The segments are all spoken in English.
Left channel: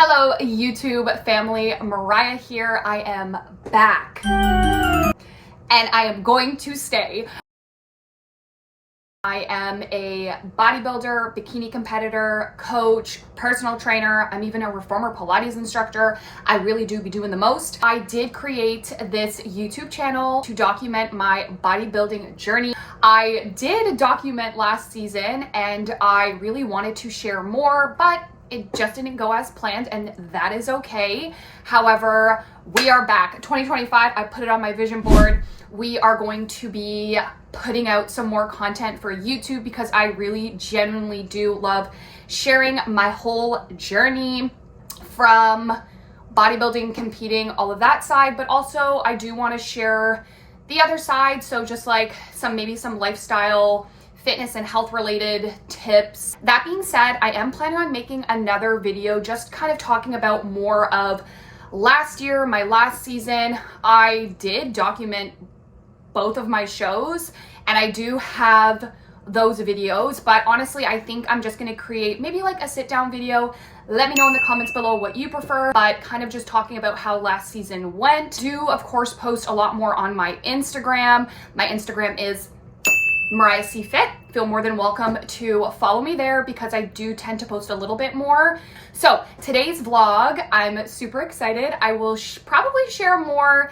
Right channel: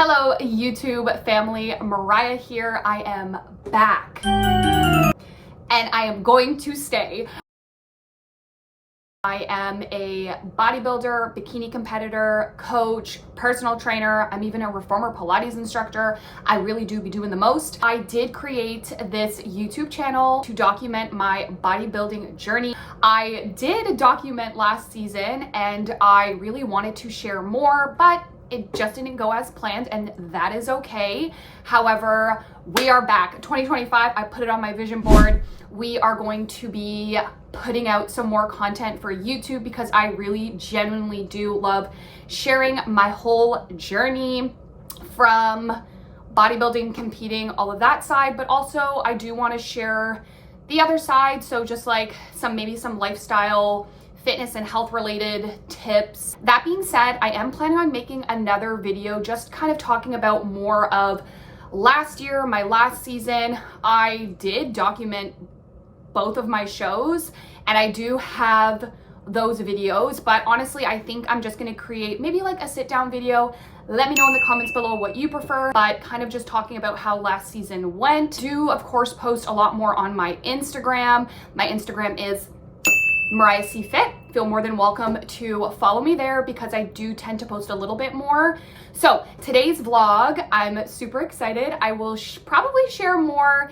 Hello YouTube family, Mariah here. I am back and I am going to stay. I am a bodybuilder, bikini competitor, coach, personal trainer. I'm even a former Pilates instructor. I really do be doing the most. I did create this YouTube channel to document my bodybuilding journey. I did document last season and I really wanted to share more, but it just didn't go as planned, and that is okay. However, we are back. 2025, I put it on my vision board. We are going to be putting out some more content for YouTube because I really genuinely do love sharing my whole journey from bodybuilding, competing, all of that side, but also I do want to share the other side. So just like maybe some lifestyle, fitness and health related tips. That being said, I am planning on making another video just kind of talking about more of last year, my last season. I did document both of my shows and I do have those videos, but honestly, I think I'm just gonna create maybe like a sit down video. Let me know in the comments below what you prefer, but kind of just talking about how last season went. Do of course post a lot more on my Instagram. My Instagram is Mariah C Fit. Feel more than welcome to follow me there because I do tend to post a little bit more. So today's vlog, I'm super excited. I will probably share more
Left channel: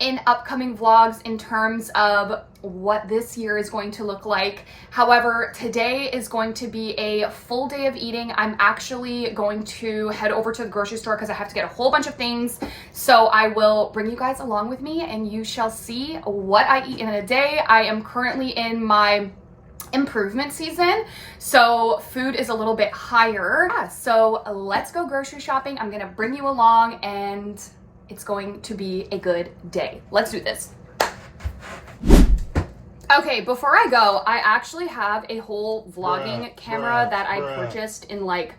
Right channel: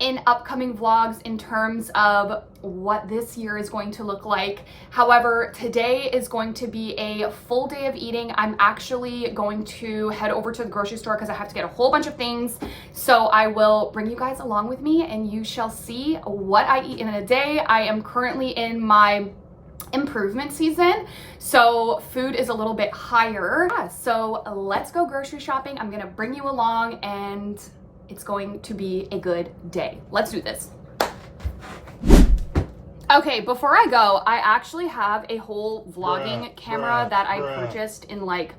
in upcoming vlogs in terms of what this year is going to look like. However, today is going to be a full day of eating. I'm actually going to head over to the grocery store because I have to get a whole bunch of things. So I will bring you guys along with me and you shall see what I eat in a day. I am currently in my improvement season, so food is a little bit higher. Yeah, so let's go grocery shopping. I'm gonna bring you along and it's going to be a good day. Let's do this. Okay, before I go, I actually have a whole vlogging camera that I purchased in like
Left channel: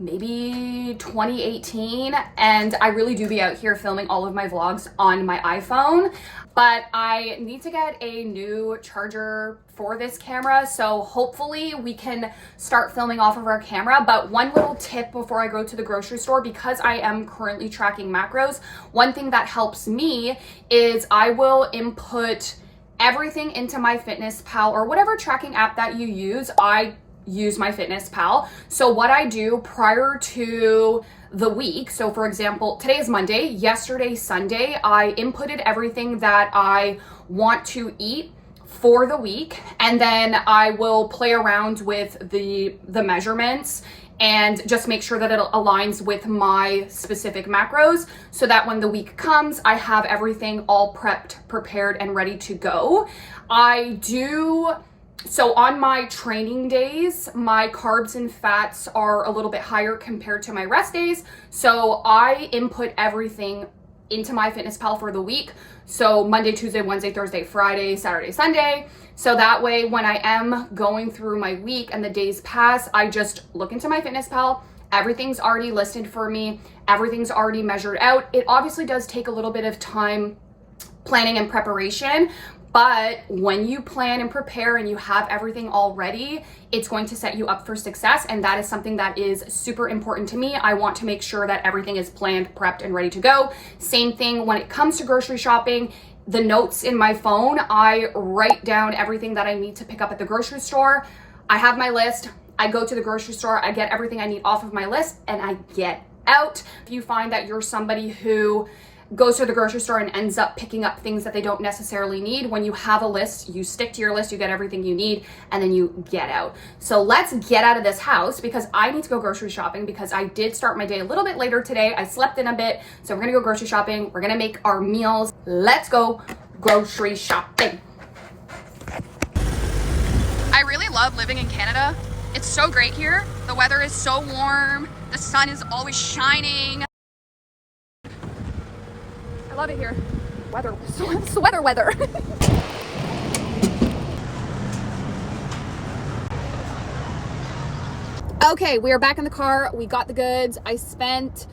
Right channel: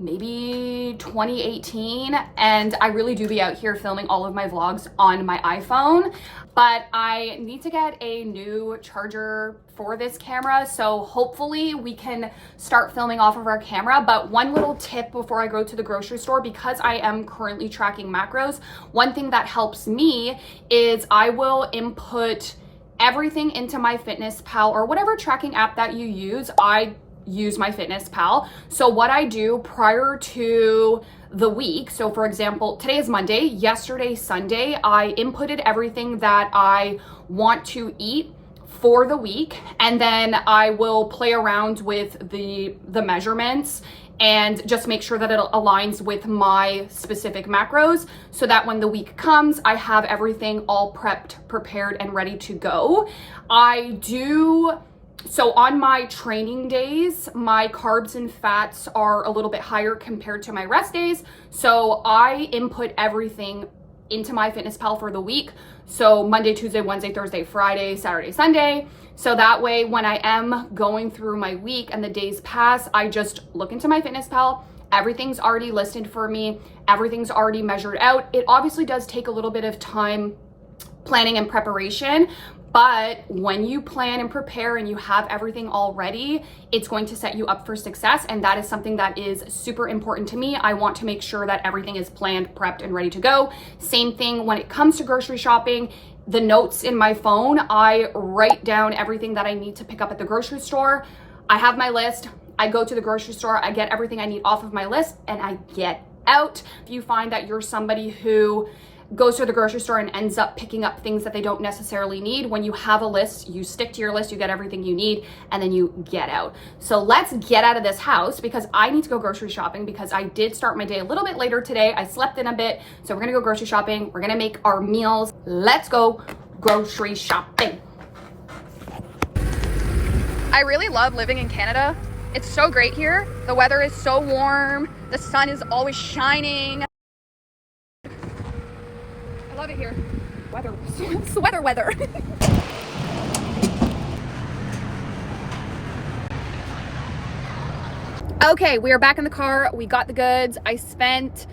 maybe 2018, and I really do be out here filming all of my vlogs on my iPhone, but I need to get a new charger for this camera, so hopefully we can start filming off of our camera. But one little tip before I go to the grocery store, because I am currently tracking macros, one thing that helps me is I will input everything into MyFitnessPal or whatever tracking app that you use. I use MyFitnessPal. So what I do prior to the week, so for example, today is Monday, yesterday, Sunday, I inputted everything that I want to eat for the week, and then I will play around with the measurements and just make sure that it aligns with my specific macros so that when the week comes, I have everything all prepped, prepared, and ready to go. So on my training days, my carbs and fats are a little bit higher compared to my rest days. So I input everything into MyFitnessPal for the week. So Monday, Tuesday, Wednesday, Thursday, Friday, Saturday, Sunday. So that way, when I am going through my week and the days pass, I just look into MyFitnessPal. Everything's already listed for me. Everything's already measured out. It obviously does take a little bit of time planning and preparation, but when you plan and prepare and you have everything all ready, it's going to set you up for success. And that is something that is super important to me. I want to make sure that everything is planned, prepped, and ready to go. Same thing when it comes to grocery shopping. The notes in my phone, I write down everything that I need to pick up at the grocery store. I have my list. I go to the grocery store, I get everything I need off of my list, and I get out. If you find that you're somebody who goes to the grocery store and ends up picking up things that they don't necessarily need, when you have a list, you stick to your list, you get everything you need, and then you get out. So let's get out of this house because I need to go grocery shopping because I did start my day a little bit later today. I slept in a bit, so we're gonna go grocery shopping. We're gonna make our meals. Let's go grocery shopping. I really love living in Canada. It's so great here. The weather is so warm. The sun is always shining. I love it here. Sweater weather. Okay, we are back in the car. We got the goods. I spent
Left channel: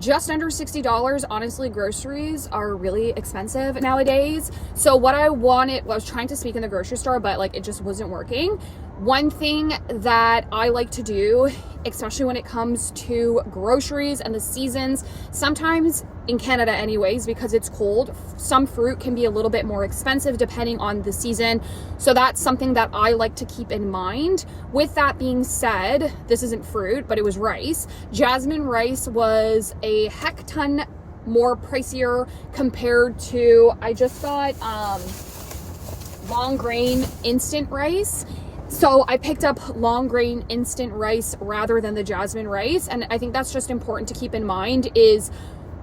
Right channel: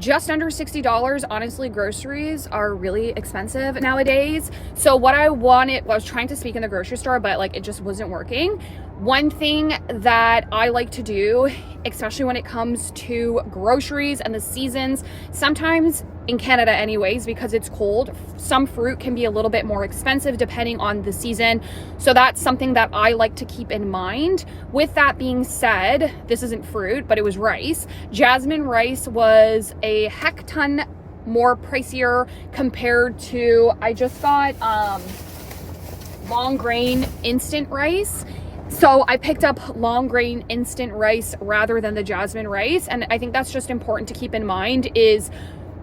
just under $60. Honestly, groceries are really expensive nowadays. So what I was trying to speak in the grocery store, but like it just wasn't working. One thing that I like to do, especially when it comes to groceries and the seasons, sometimes in Canada anyways, because it's cold, some fruit can be a little bit more expensive depending on the season. So that's something that I like to keep in mind. With that being said, this isn't fruit, but it was rice. Jasmine rice was a heck ton more pricier compared to, I just got long grain instant rice. So I picked up long grain instant rice rather than the jasmine rice. And I think that's just important to keep in mind, is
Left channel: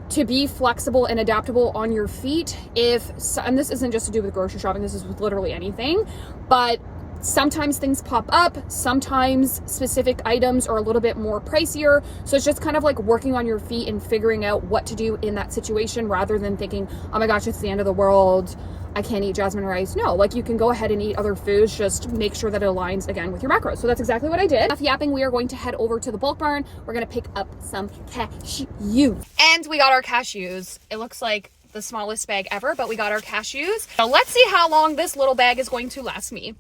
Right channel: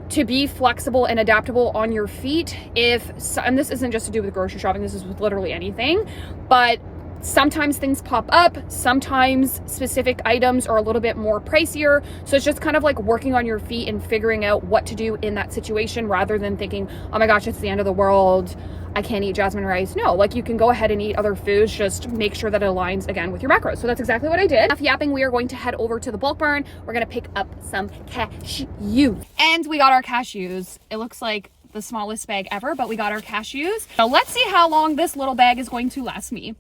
to be flexible and adaptable on your feet. And this isn't just to do with grocery shopping, this is with literally anything, but sometimes things pop up, sometimes specific items are a little bit more pricier. So it's just kind of like working on your feet and figuring out what to do in that situation, rather than thinking, oh my gosh, it's the end of the world, I can't eat jasmine rice. No, like you can go ahead and eat other foods, just make sure that it aligns again with your macros. So that's exactly what I did. Enough yapping, we are going to head over to the bulk barn. We're gonna pick up some cashews. And we got our cashews. It looks like the smallest bag ever, but we got our cashews. Now let's see how long this little bag is going to last me.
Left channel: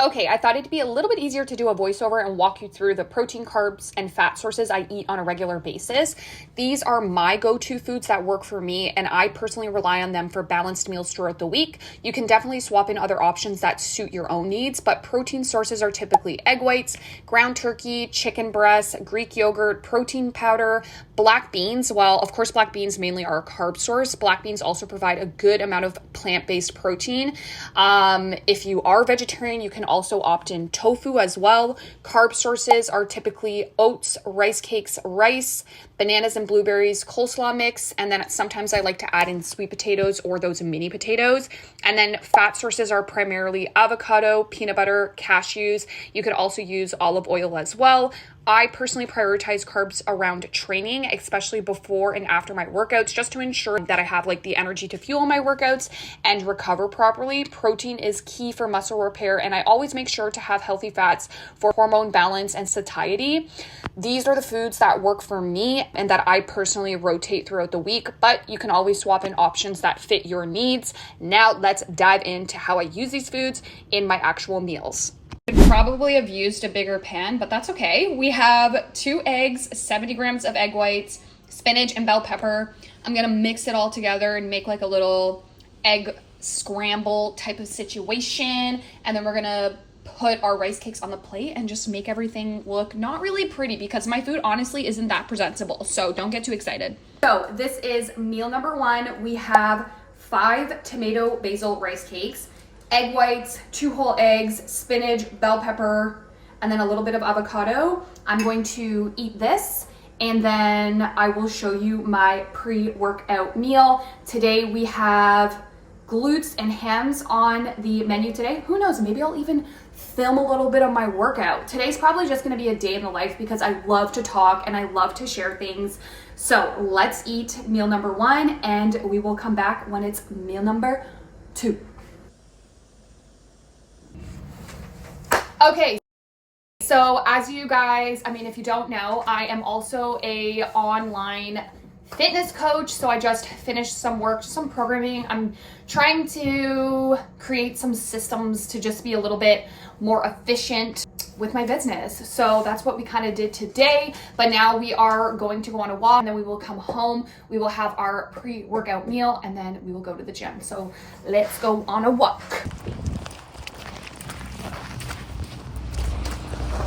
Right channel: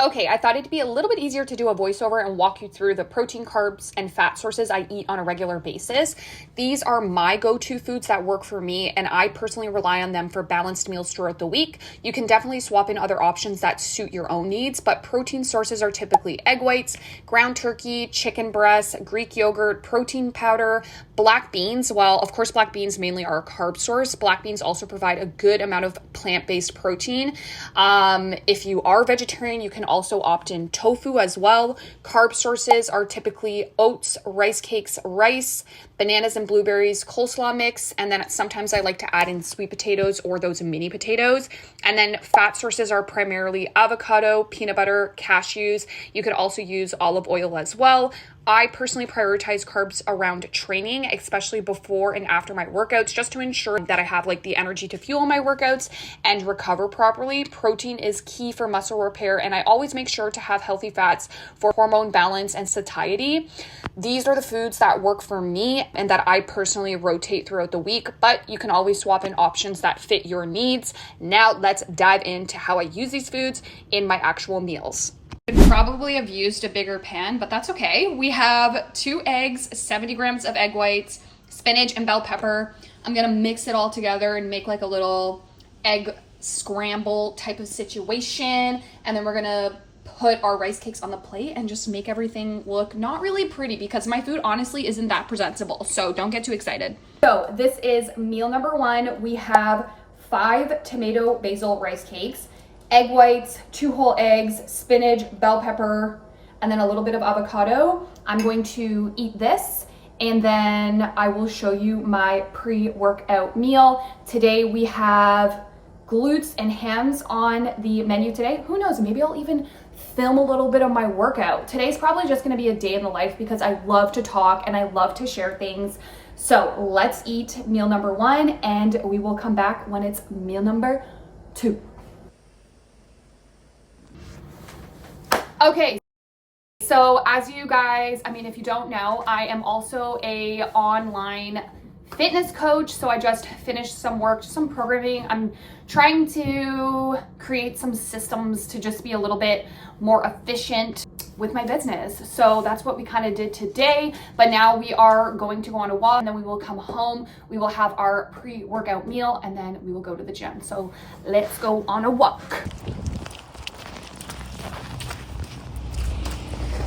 Okay, I thought it'd be a little bit easier to do a voiceover and walk you through the protein, carbs, and fat sources I eat on a regular basis. These are my go-to foods that work for me, and I personally rely on them for balanced meals throughout the week. You can definitely swap in other options that suit your own needs, but protein sources are typically egg whites, ground turkey, chicken breast, Greek yogurt, protein powder, black beans. Well, of course, black beans mainly are a carb source. Black beans also provide a good amount of plant-based protein. If you are vegetarian, you can also opt in tofu as well. Carb sources are typically oats, rice cakes, rice, bananas and blueberries, coleslaw mix, and then sometimes I like to add in sweet potatoes or those mini potatoes. And then fat sources are primarily avocado, peanut butter, cashews. You could also use olive oil as well. I personally prioritize carbs around training, especially before and after my workouts, just to ensure that I have like the energy to fuel my workouts and recover properly. Protein is key for muscle repair, and I always make sure to have healthy fats for hormone balance and satiety. These are the foods that work for me and that I personally rotate throughout the week, but you can always swap in options that fit your needs. Now let's dive into how I use these foods in my actual meals. Could probably have used a bigger pan, but that's okay. We have 2 eggs, 70 grams of egg whites, spinach and bell pepper. I'm gonna mix it all together and make like a little egg scramble type of situation. And then we're gonna put our rice cakes on the plate and just make everything look not really pretty, because my food honestly isn't that presentable. So don't get too excited. So this is meal number 1. We have 5 tomato basil rice cakes, egg whites, 2 whole eggs, spinach, bell pepper, and then a little bit of avocado. I'm going to eat this, and then I will show you my pre-workout meal. Today we have glutes and hams on the menu today. Who knows, maybe I'll even film a little bit of my workout. Today's probably just gonna be a day in the life, because I love to talk and I love to share things. So let's eat meal number 1, and we will come back when it's meal number 2. Okay, so as you guys, if you don't know, I am also a online fitness coach. So I just finished some work, some programming. I'm trying to create some systems to just be a little bit more efficient with my business. So that's what we kind of did today. But now we are going to go on a walk, and then we will come home. We will have our pre-workout meal, and then we will go to the gym. So let's go on a walk.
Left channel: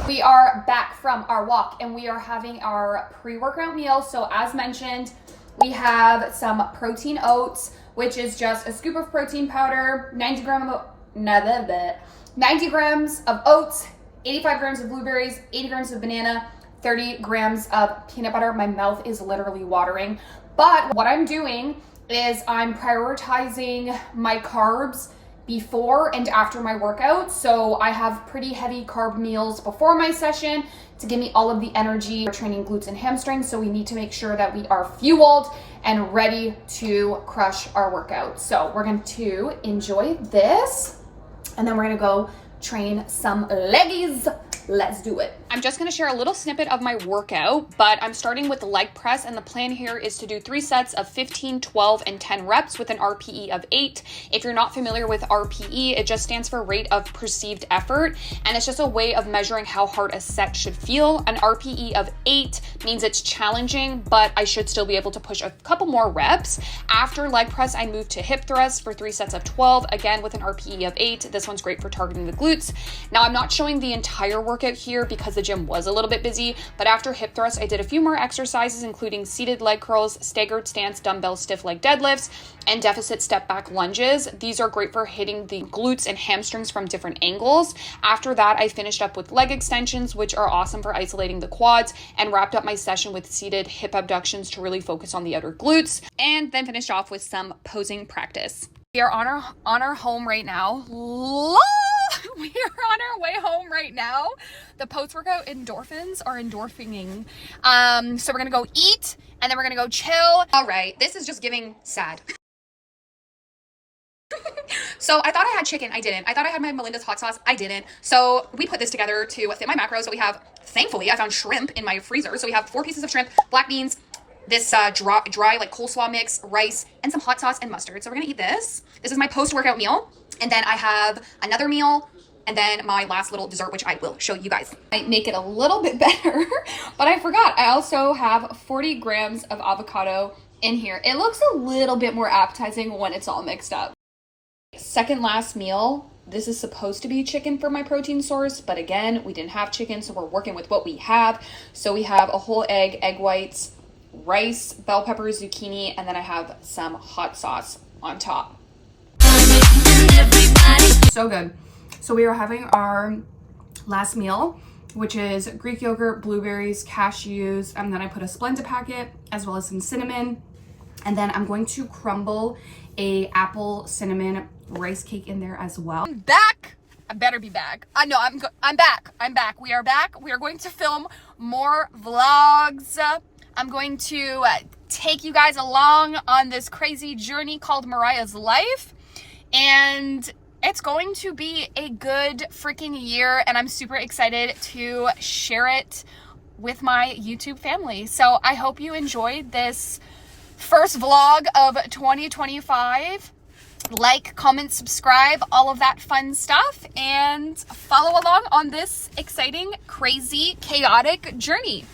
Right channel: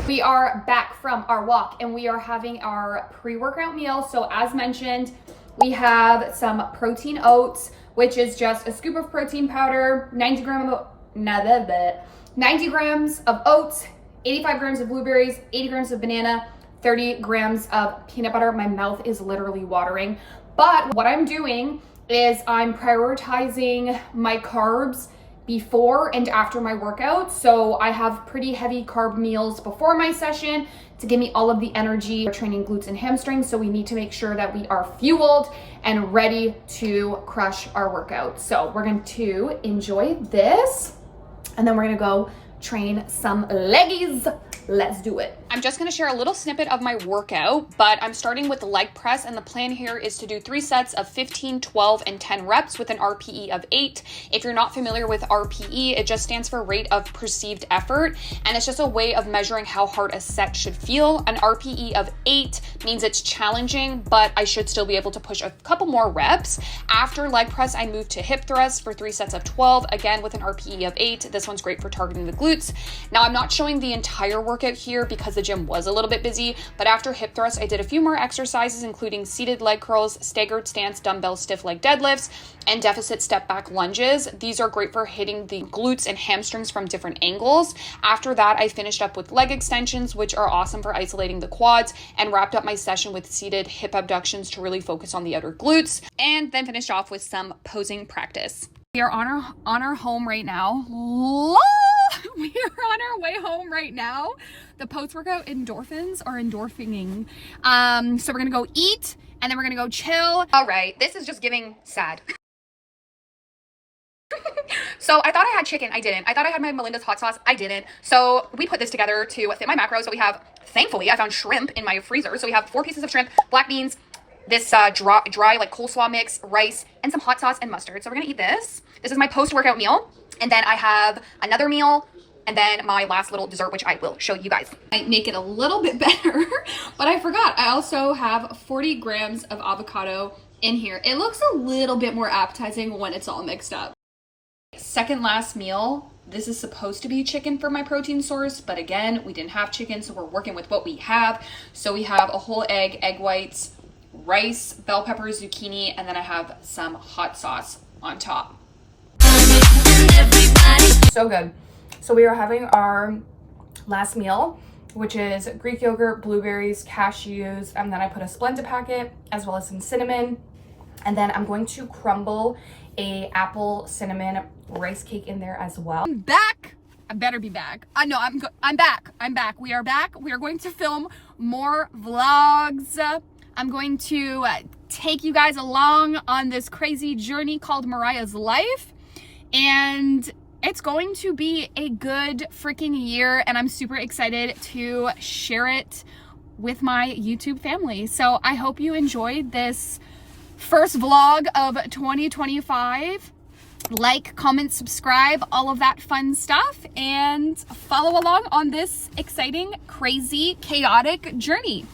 We are back from our walk, and we are having our pre-workout meal. So as mentioned, we have some protein oats, which is just a scoop of protein powder, 90 grams of oats, 85 grams of blueberries, 80 grams of banana, 30 grams of peanut butter. My mouth is literally watering. But what I'm doing is I'm prioritizing my carbs before and after my workout. So I have pretty heavy carb meals before my session to give me all of the energy. We're training glutes and hamstrings, so we need to make sure that we are fueled and ready to crush our workout. So we're going to enjoy this, and then we're gonna go train some leggies. Let's do it. I'm just gonna share a little snippet of my workout, but I'm starting with the leg press, and the plan here is to do 3 sets of 15, 12, and 10 reps with an RPE of 8. If you're not familiar with RPE, it just stands for rate of perceived effort, and it's just a way of measuring how hard a set should feel. An RPE of 8 means it's challenging, but I should still be able to push a couple more reps. After leg press, I move to hip thrust for 3 sets of 12, again with an RPE of 8. This one's great for targeting the glutes. Now, I'm not showing the entire workout here because the gym was a little bit busy, but after hip thrust, I did a few more exercises, including seated leg curls, staggered stance, dumbbell stiff leg deadlifts, and deficit step back lunges. These are great for hitting the glutes and hamstrings from different angles. After that, I finished up with leg extensions, which are awesome for isolating the quads, and wrapped up my session with seated hip abductions to really focus on the outer glutes, and then finished off with some posing practice. We are on our home right now. We are on our way home right now. The post-workout endorphins are endorphining. So we're gonna go eat, and then we're gonna go chill. All right, this is just giving sad. So I thought I had chicken, I didn't. I thought I had my Melinda's hot sauce, I didn't. So we put this together to fit my macros. So we have, thankfully, I found shrimp in my freezer. So we have 4 pieces of shrimp, black beans, this dry like coleslaw mix, rice, and some hot sauce and mustard. So we're gonna eat this. This is my post-workout meal. And then I have another meal, and then my last little dessert, which I will show you guys. I make it a little bit better, but I forgot. I also have 40 grams of avocado in here. It looks a little bit more appetizing when it's all mixed up. Second last meal. This is supposed to be chicken for my protein source, but again, we didn't have chicken, so we're working with what we have. So we have a whole egg, egg whites, rice, bell peppers, zucchini, and then I have some hot sauce on top. So good. So we are having our last meal, which is Greek yogurt, blueberries, cashews, and then I put a Splenda packet as well as some cinnamon. And then I'm going to crumble a apple cinnamon rice cake in there as well. I'm back. I better be back. I'm back. I'm back. We are back. We are going to film more vlogs. I'm going to take you guys along on this crazy journey called Mariah's life. And it's going to be a good freaking year, and I'm super excited to share it with my YouTube family. So I hope you enjoyed this first vlog of 2025. Like, comment, subscribe, all of that fun stuff, and follow along on this exciting, crazy, chaotic journey.